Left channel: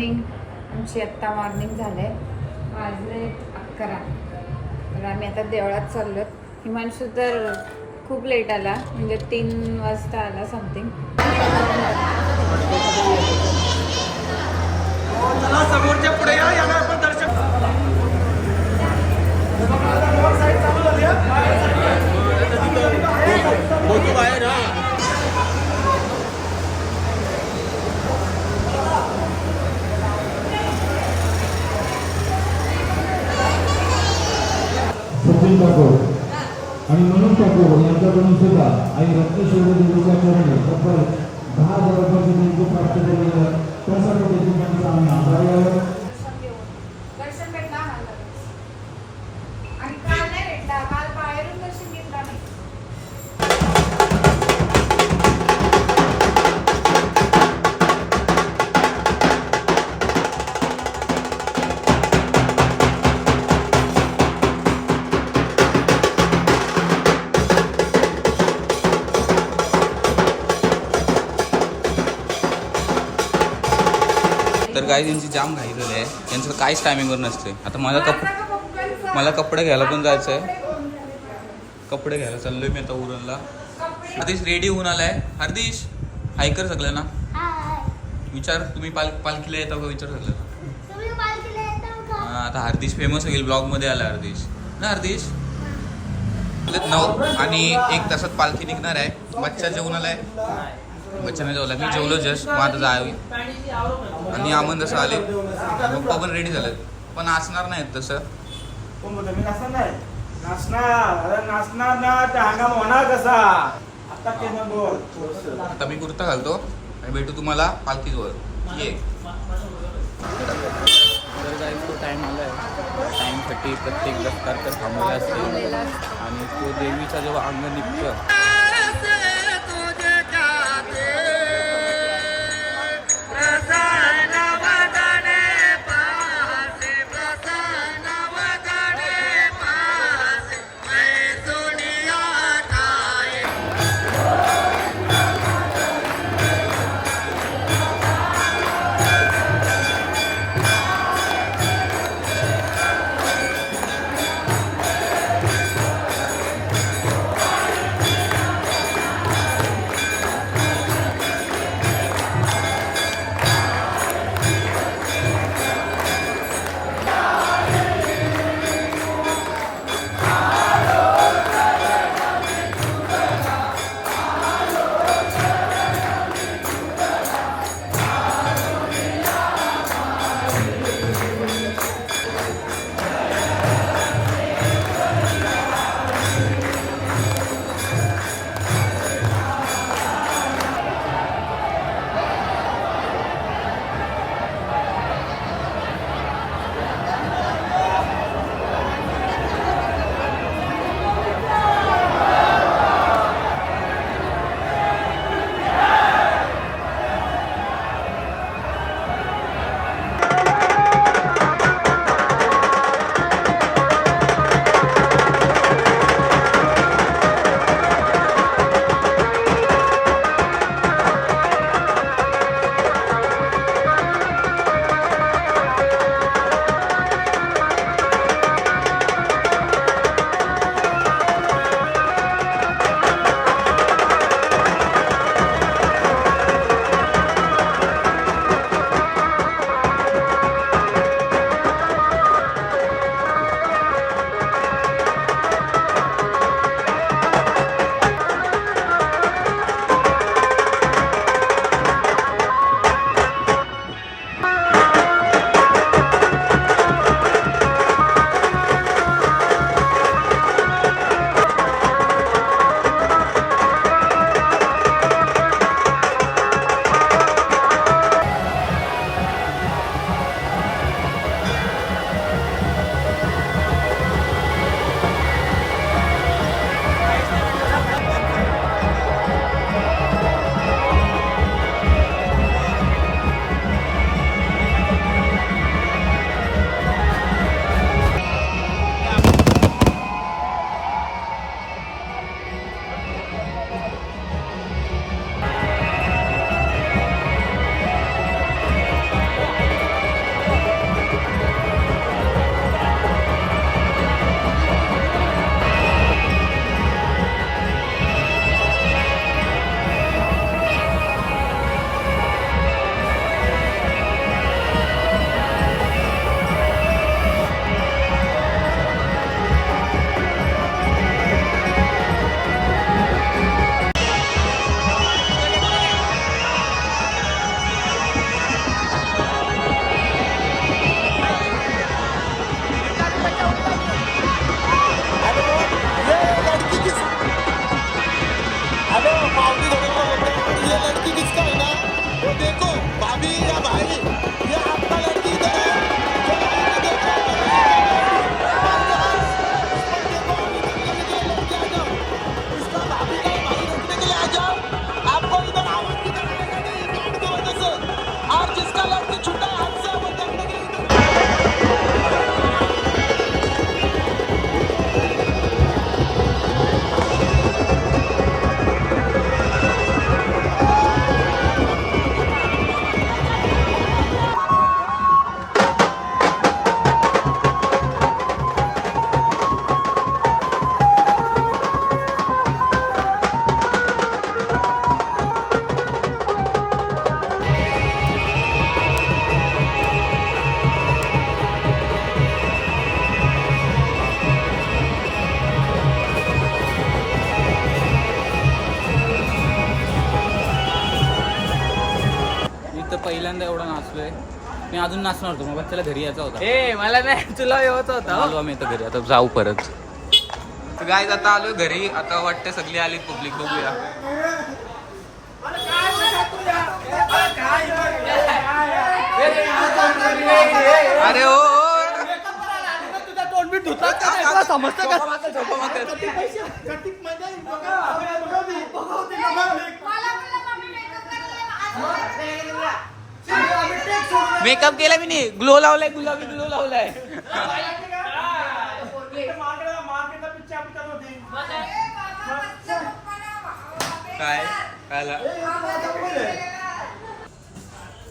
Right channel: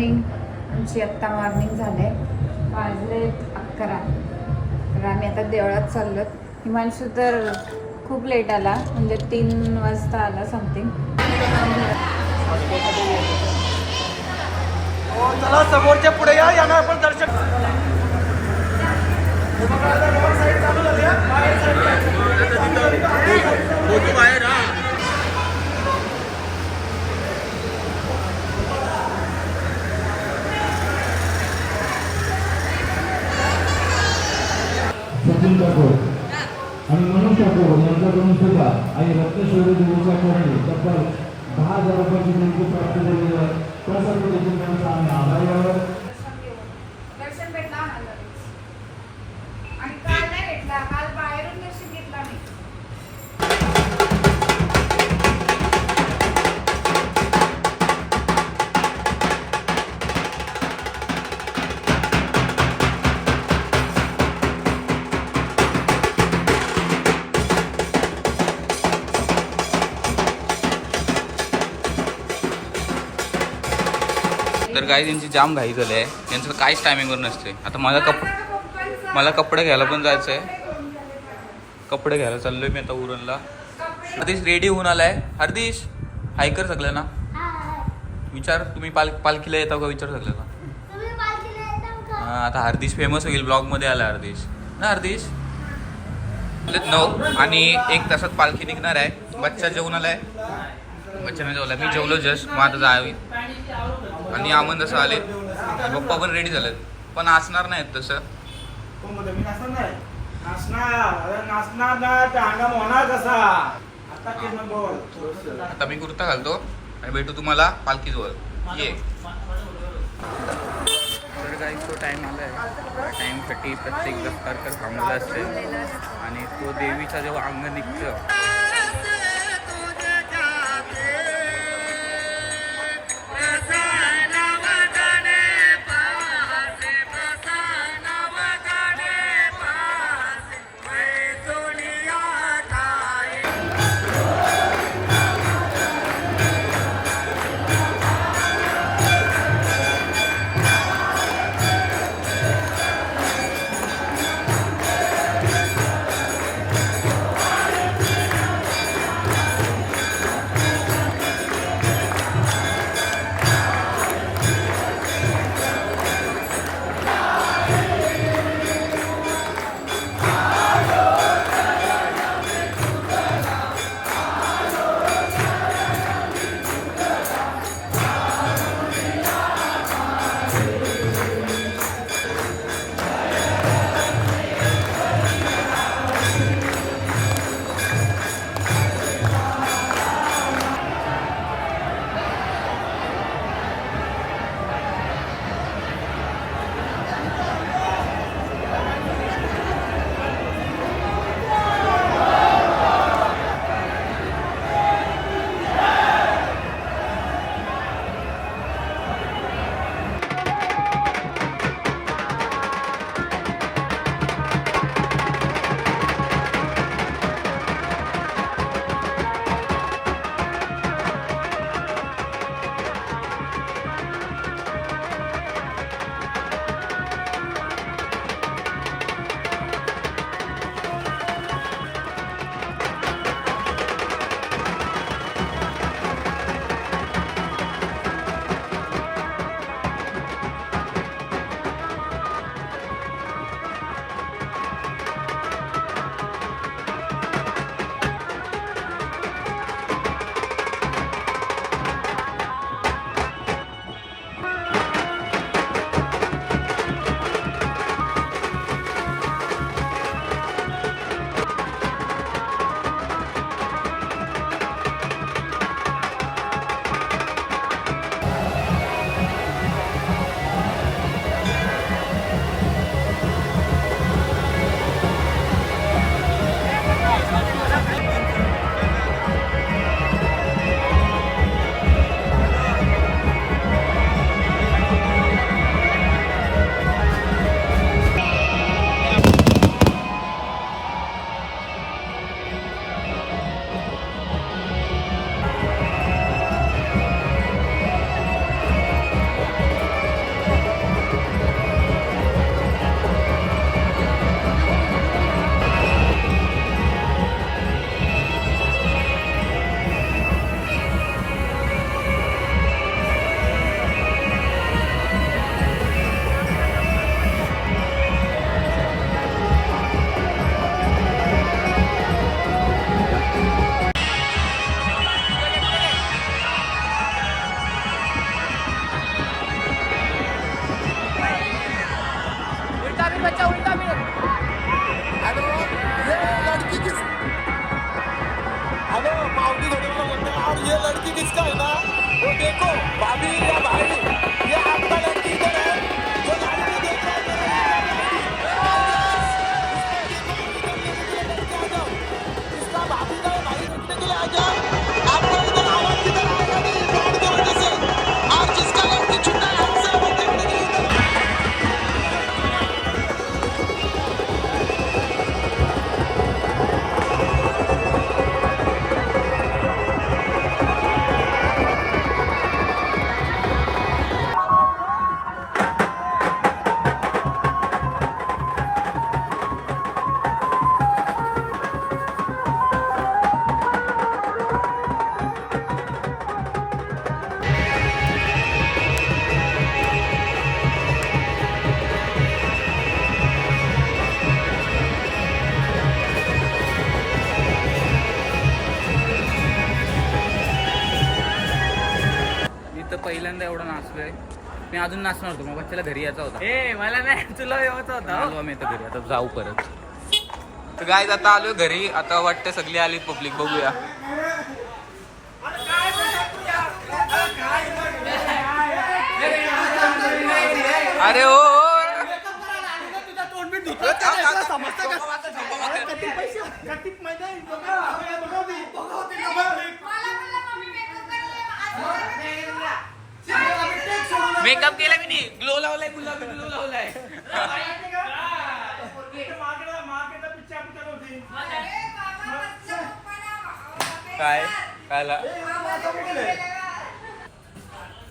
Morning. आमची आत्ता morning झाले, वाजले 11. तर आम्ही आता देवळात चाललो. हिमांशू तर खूप लेट आला, म्हणजे 3 वाजता आला समथिंग. चला समोरच्या पुढे या, यांना आपण दर्शन. सचिन ठाकूर आणि मनोज ठाकूर यांच्याकडून सुद्धा आणि रत्नेश्वरी देवीच्या चरणी तब्बल 10,000 रुपयाचे देणगी प्राप्त झालेले आहे. त्यासाठी देखील त्यांचा आम्ही आभारी आहोत. दर्शन भेटला आणि काल नाही भेटला, काल बाहेरून दर्शन घेतला मी. तर काही त्यांची जाम घाई झाली आहे, त्यांचं काहीच टायमिंगवर नसते. आता मला कपडे घ्यायला पण जायचं आहे. कपडे घ्यायला चाललोय मी आता उरणला. हरदीश रेडी होऊन आलाय. हरदीश हाय कर सगळ्यांना. विचार तुम्ही पालखीला येता का, विचार सगळ्यांना. आता हरदीश फेमस होईल, ब्लॉगमध्ये आला हरदीश ना. हरदीश 9 आणि 1 तासात पालखी निघणार आहे. बच्चा जेवून आलाय, बच्चाने जेवला, मी जेवलो जस्ट. मग आता जावी. आणि आमन जसं आले, पप्पा पण रेडी झालेत, पण असणार नाहीत तसं. मी नाचणार नाही. नाचणार ना, त्या हंगाम होणार कसा. आता मी कुर्ता घालतो आणि भेटू तुम्हाला पालखीजवळ. ये. तर काही तो टाईम आला आहे. टाईमसाठी प्रत्येक दफ्तर तर थांबलेला असते आणि तो देवीचा जेव्हा अंग निघतं पहिल्यांदा एवढा नाचलोय. मी अजून नाचणार होतो, मग बच्चाला घरी यायचा होता. मला नाही, तुला येत पण आलो आम्ही आता घरी, आता जाऊ परत. तर गाईज आता आलो घरी, आता वाटतं सगळी आली पब्लिक, बघूया. अरे हो मेकअप केला मी नाही, ग्लो लावलाय, गुलाबी ग्लो लावलाय. काय कायला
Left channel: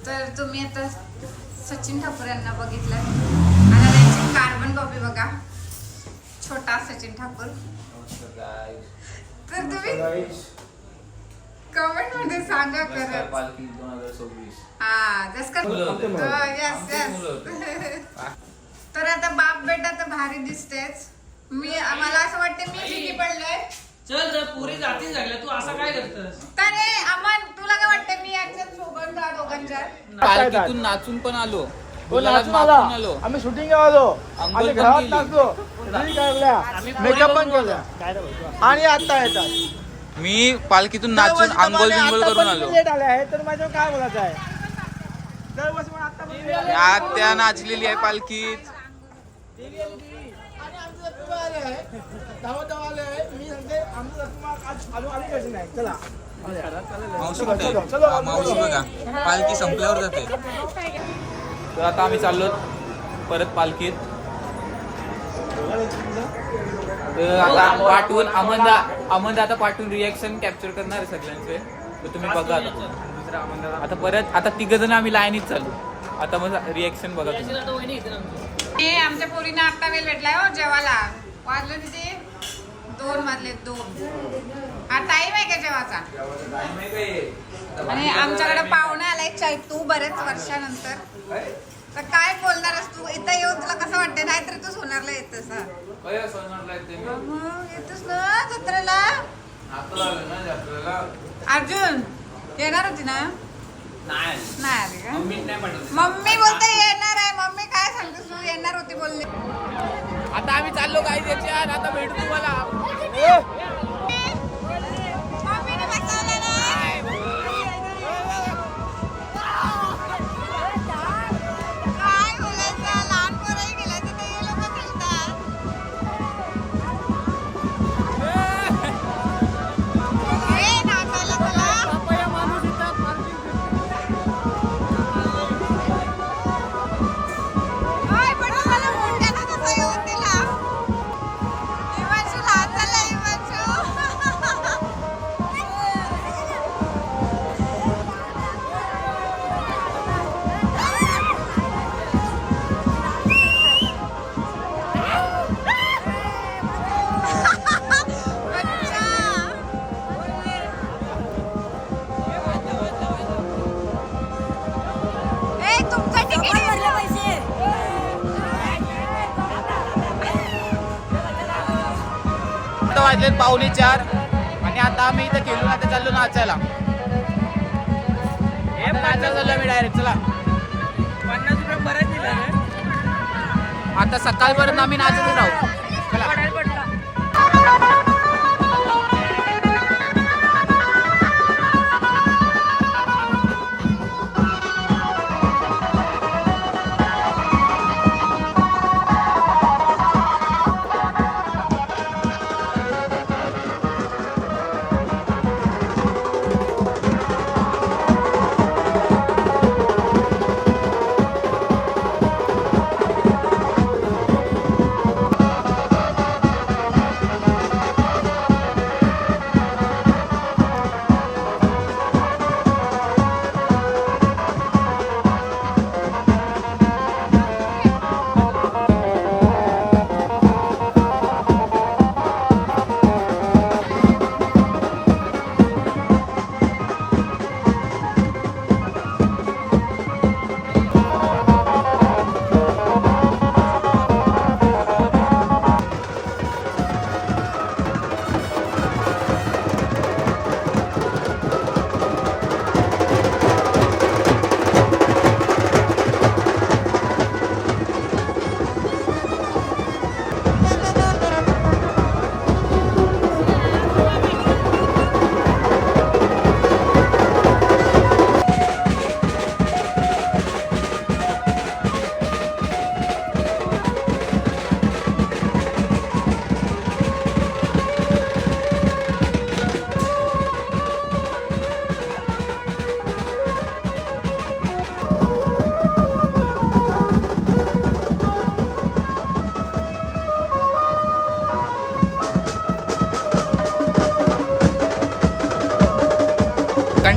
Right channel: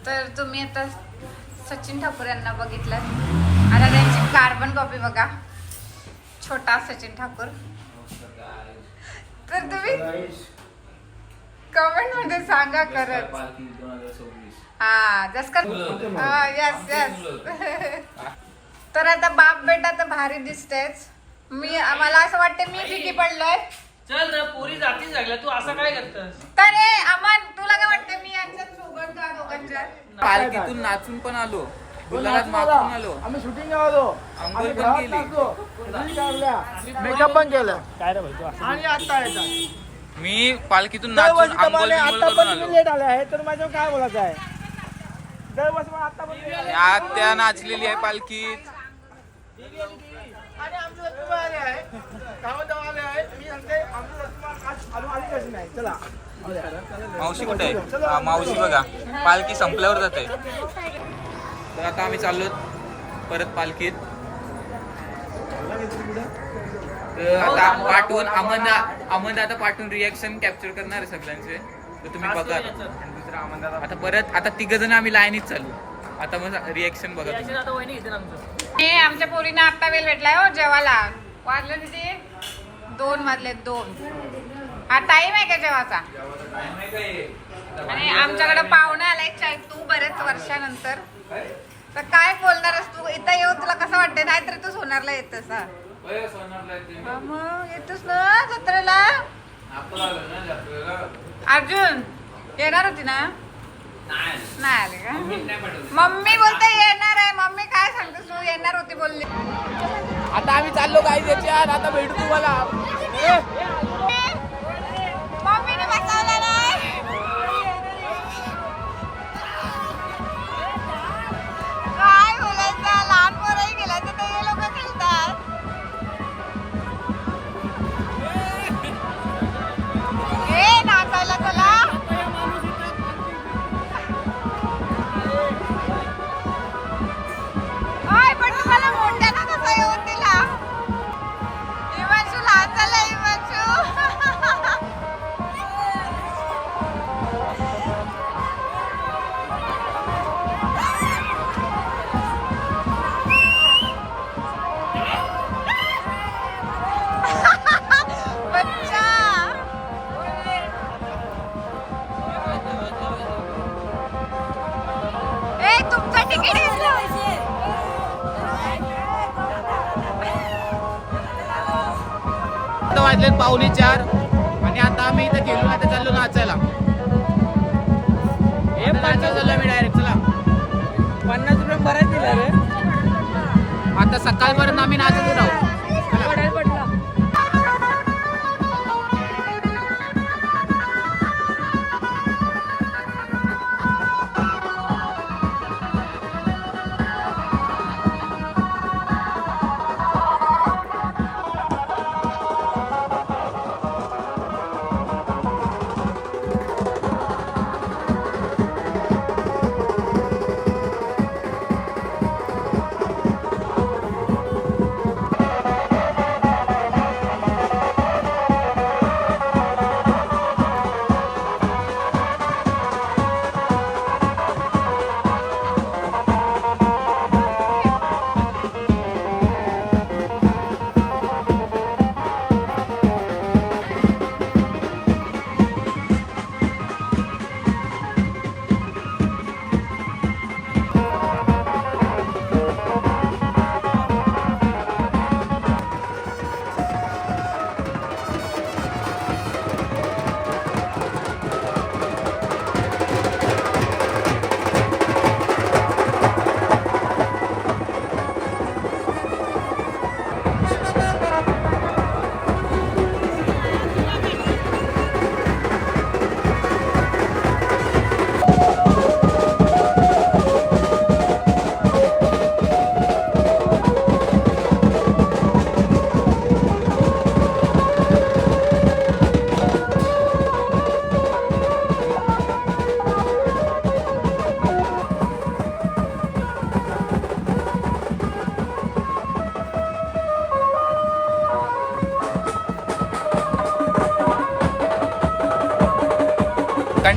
तर तुम्ही आता सचिन ठाकूर यांना बघितलं, आता त्यांची कार्बन कॉपी बघा, छोटा सचिन ठाकूर. तर तुम्ही कमेंट मध्ये सांगा करत. हा जस का यस यस. तर आता बाप बेटा तर भारी दिसतेच. मला असं वाटतं मी फिकी पडलोय. चल रे पुरी जाती सगळ्या, तू असं काय करतस? तर अमन तुला काय वाटतं मी यांच्यात सोबत जा दोघांच्या? पालखीतून नाचून पण आलो, गुलालात मागून आलो, आम्ही शूटिंग आलो, अंघोळ पण केली, मेकअप पण केलं आणि आता येतात. मी पालखीतून नाचून आंघोळ बिंगोळ करून आलो. लेट आले आहे तर माझ्या काय बोलायचं आहे. दरवर्षी मला आता पण आत्या नाचलेली आहे पालखीत. मावशी कुठे आहे? हा, मावशी बघा पालखी संपल्यावर जाते. तर आता आम्ही चाललो परत पालखीत. तर आता पाठवून अमंदा आता पाठवून रिॲक्शन कॅप्चर करणार आहे सगळ्यांचे. तर तुम्ही बघा आता परत आता तिघ जण आम्ही लाईनीत चालू. आता मग रिॲक्शन बघा तुम्ही. हे आमच्या पोरीनं आता वेळ भेटलाय हो जेवायला. वाजले तिथे 2 वाजले 2. हा टाइम आहे का जेवाचा? आणि आमच्याकडे पाहुणा आलाय चैतू बरेच वर्षानंतर. तर काय बोलणारस तू इथं येऊन, तुला कसं वाटतंय? नाहीतर तू सोनारला येतस. मग येतोस ना जत्रेला? अर्जुन येणार होती ना? नाही आली का? मम्मी बोलते येणार आहे. मम्मी काय सांगतेस तू? येणार होती बोलली. आता आम्ही चाललो गाईज याच्यात. आता भेटू तुम्हाला. मम्मीने बसवलं नाही. काय बोलायचं? लहान पोरही गेलायचं तर हे लोक खेळतात. हे नाचायला चला. ओय, पण तुम्हाला मोठ्याला कसं येऊन दिला? हिमांशू लहान झाला. हिमांशू बच्चा. ए तुमचं तिकीट घेतलं. आता वाजलेत 3:45 आणि आता आम्ही इथं गेलो. आता चाललो नाचायला. आता नाचायला चाललो आम्ही डायरेक्ट. चला 50 रुपये बरेच दिले रे. आता सकाळपर्यंत आम्ही नाचतच राहू. चला.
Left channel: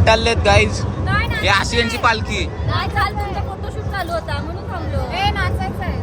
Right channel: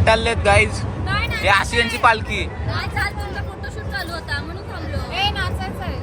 चाललेत गाईज. नाही हे अशी यांची पालखी. चाल तुमचा फोटोशूट चालू होता म्हणून थांबलो. नाचायचं आहे.